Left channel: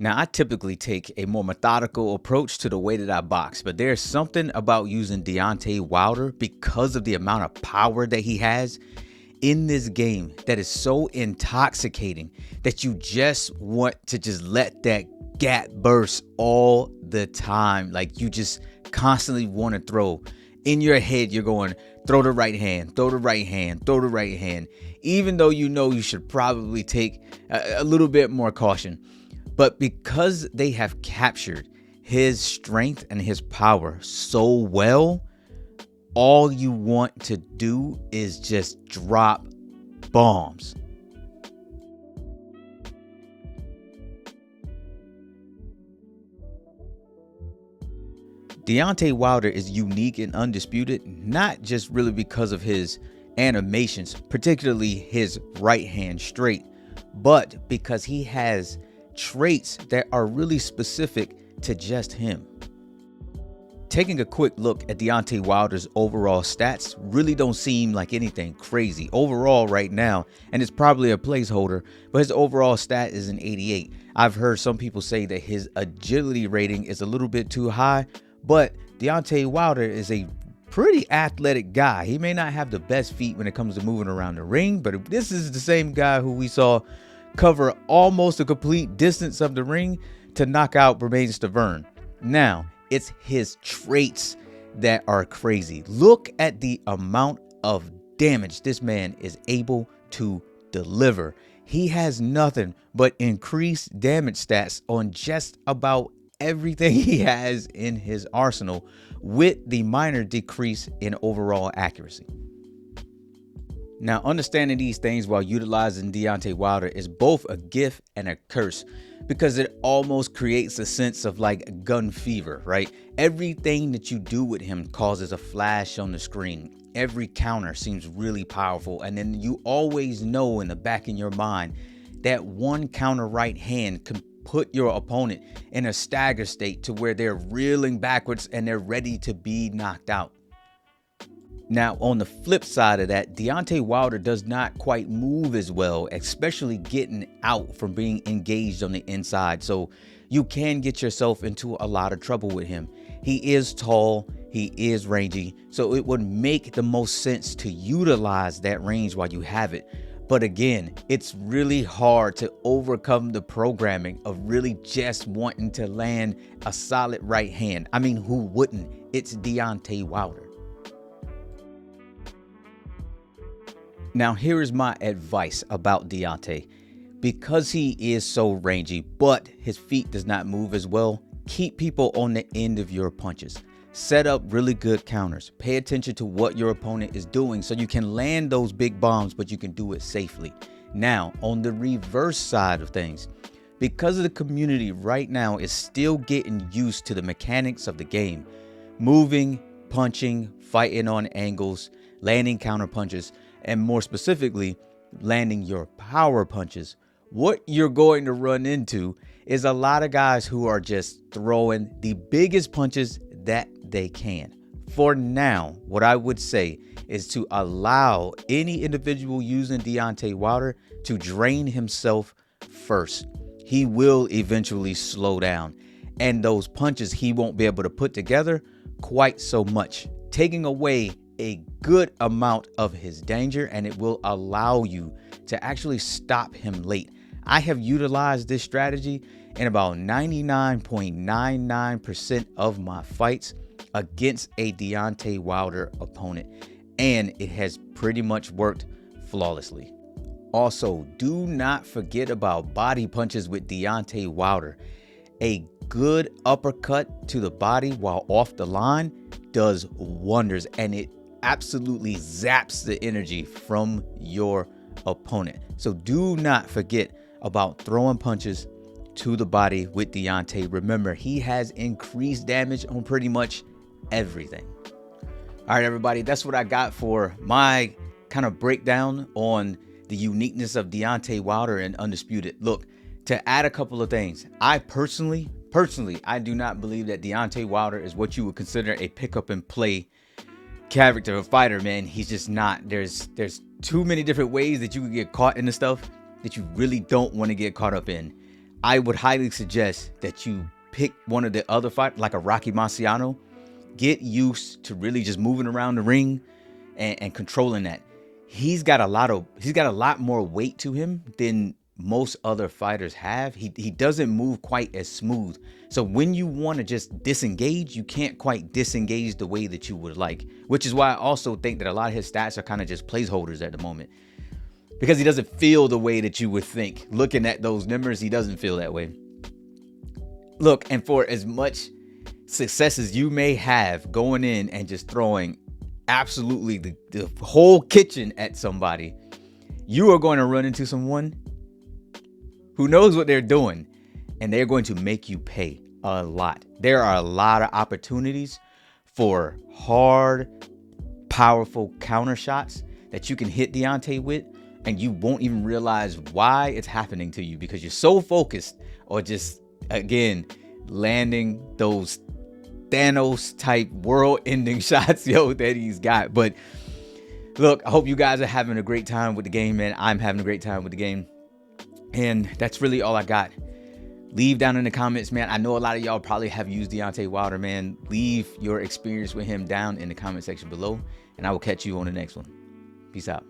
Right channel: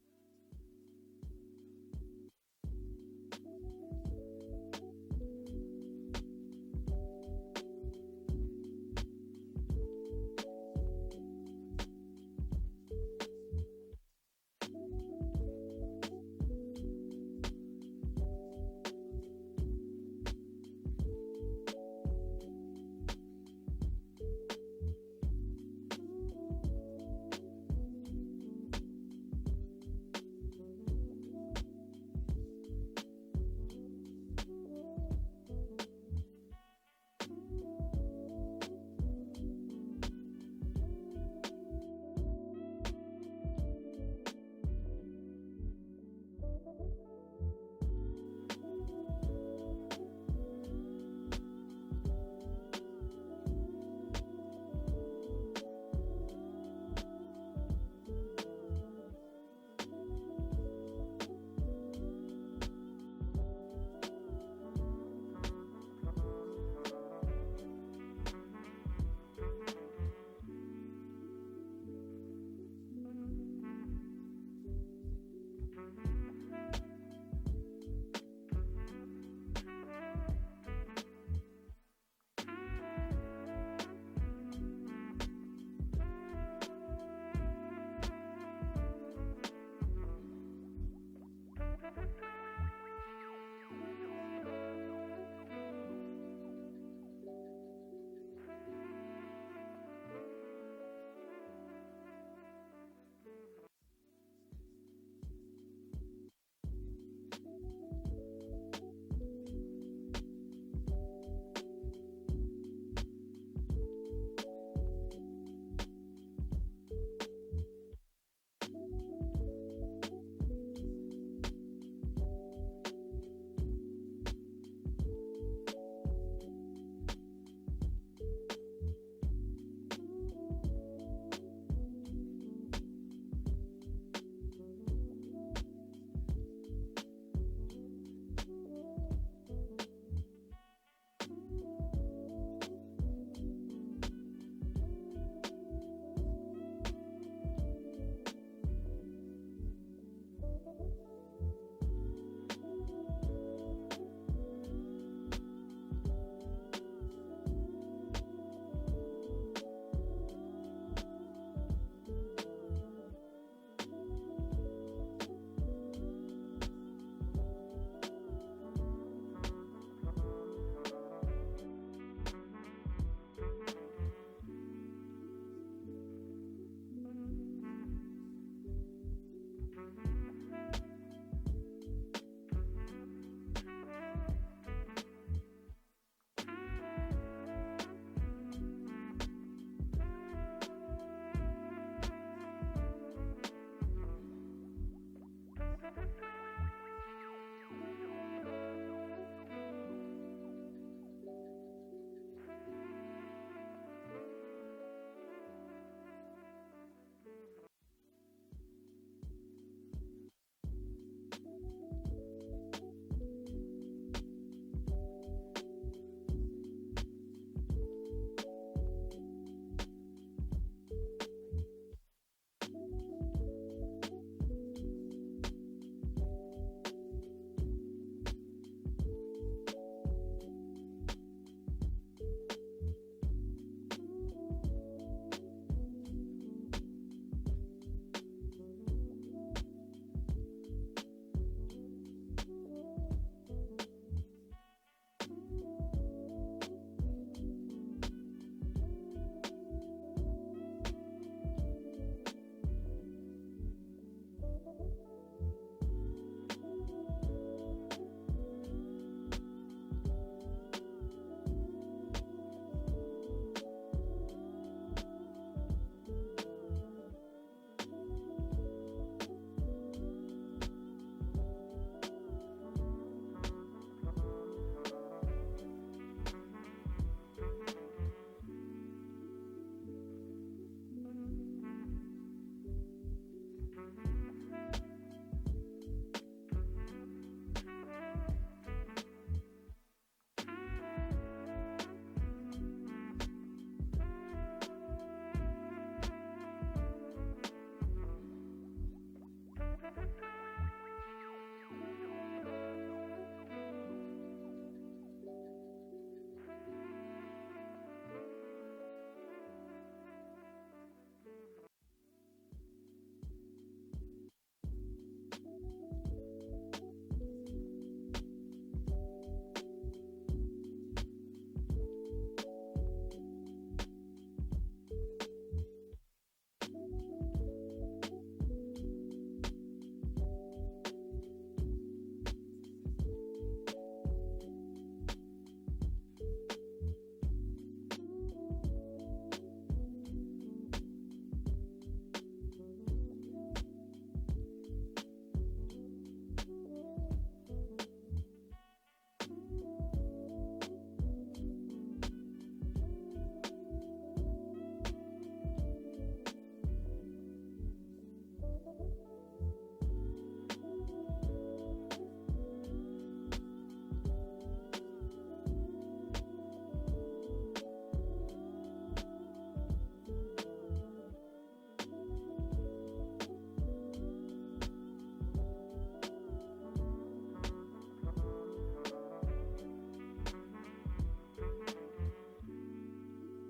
Now, I typically take a more methodical approach to the way that I box, but there's something about using Deontay Wilder because of the amount of power that he has in this game that is so intoxicating that you just want to just let that gap burst all the time. Like you just constantly want to throw. In your head, you're going, throw the right hand, throw the right hand, throw the right hand, even though you know you should probably take a little bit more caution. But because they have captured his strength and his power so well, all you want to do is just drop bombs. Deontay Wilder is unique and undisputed, not just really because of his animations, particularly his right hand straight, but because he has traits that are really specific to just him. Taking a quick look at Deontay Wilder's overall stats really don't seem like anything crazy overall right now, and it's probably a placeholder, but his overall stat is an 88. I've heard some people say that his agility rating is a little bit too high, but Deontay Wilder is a pretty athletic guy. He may not have the best feet when it comes to moving around the ring, but this is the same guy who we saw cover almost a complete distance of the ring to knock out Bermane Stiverne. Now, it's his traits that are crazy. Look at the amount of damage this man is able to deliver. He has nothing but increased damage stats on just about everything he has in his arsenal, with the minor decrease in overall accuracy. Now, understanding these things while utilizing Deontay Wilder is both a gift and a curse, because it almost creates a sense of like gun fever, right? Everything that you do with him causes a flash on the screen. Every counter seems really powerful, and then you always know in the back of your mind that one counter right hand can put your opponent in a stagger state to where they're reeling backwards and they're ready to be knocked out. Now, on the flip side of that, Deontay Wilder does not quite move as well, especially getting out from being engaged on the inside. So you can get yourself into a lot of trouble with him. He is tall, he is rangy, so it would make the most sense to utilize that range while you have it. But again, it's really hard to overcome the programming of really just wanting to land a solid right hand. I mean, who wouldn't? It's Deontay Wilder. Now, here is my advice about Deontay. Because he is so rangy, but his feet does not move as well, keep people on the end of your punches. Set up really good counters. Pay attention to what your opponent is doing so you can land those big bombs, but you can do it safely. Now, on the reverse side of things, because of the community right now is still getting used to the mechanics of the game, moving, punching, fighting on angles, landing counter punches, and more specifically, landing your power punches, what you're going to run into is a lot of guys who are just throwing the biggest punches that they can. For now, what I would say is to allow any individual using Deontay Wilder to drain himself first. He will eventually slow down, and those punches he won't be able to put together quite so much, taking away a good amount of his danger, and it will allow you to actually stop him late. I have utilized this strategy in about 99.99% of my fights against a Deontay Wilder opponent, and it has pretty much worked flawlessly. Also, do not forget about body punches with Deontay Wilder. A good uppercut to the body while off the line does wonders, and it absolutely zaps the energy from your opponent. So do not forget about throwing punches to the body with Deontay. Remember, he has increased damage on pretty much everything. All right, everybody, that's what I got for my kind of breakdown on the uniqueness of Deontay Wilder and Undisputed. Look, to add a couple of things, I personally, I do not believe that Deontay Wilder is what you would consider a pick up and play character or fighter, man. He's just not. There's too many different ways that you can get caught in the stuff that you really don't want to get caught up in. I would highly suggest that you pick one of the other fighters, like a Rocky Marciano. Get used to really just moving around the ring and controlling that. He's got a lot more weight to him than most other fighters have. He doesn't move quite as smooth. So when you want to just disengage, you can't quite disengage the way that you would like, which is why I also think that a lot of his stats are kind of just placeholders at the moment, because he doesn't feel the way that you would think. Looking at those numbers, he doesn't feel that way. Look, and for as much success as you may have going in and just throwing absolutely the whole kitchen at somebody, you are going to run into someone who knows what they're doing, and they're going to make you pay a lot. There are a lot of opportunities for hard, powerful counter shots that you can hit Deontay with, and you won't even realize why it's happening to you because you're so focused or just, again, landing those Thanos type world ending shots, that he's got. But look, I hope you guys are having a great time with the game, man. I'm having a great time with the game. And that's really all I got. Leave down in the comments, man. I know a lot of y'all probably have used Deontay Wilder, man. Leave your experience with him down in the comment section below, and I will catch you on the next one. Peace out.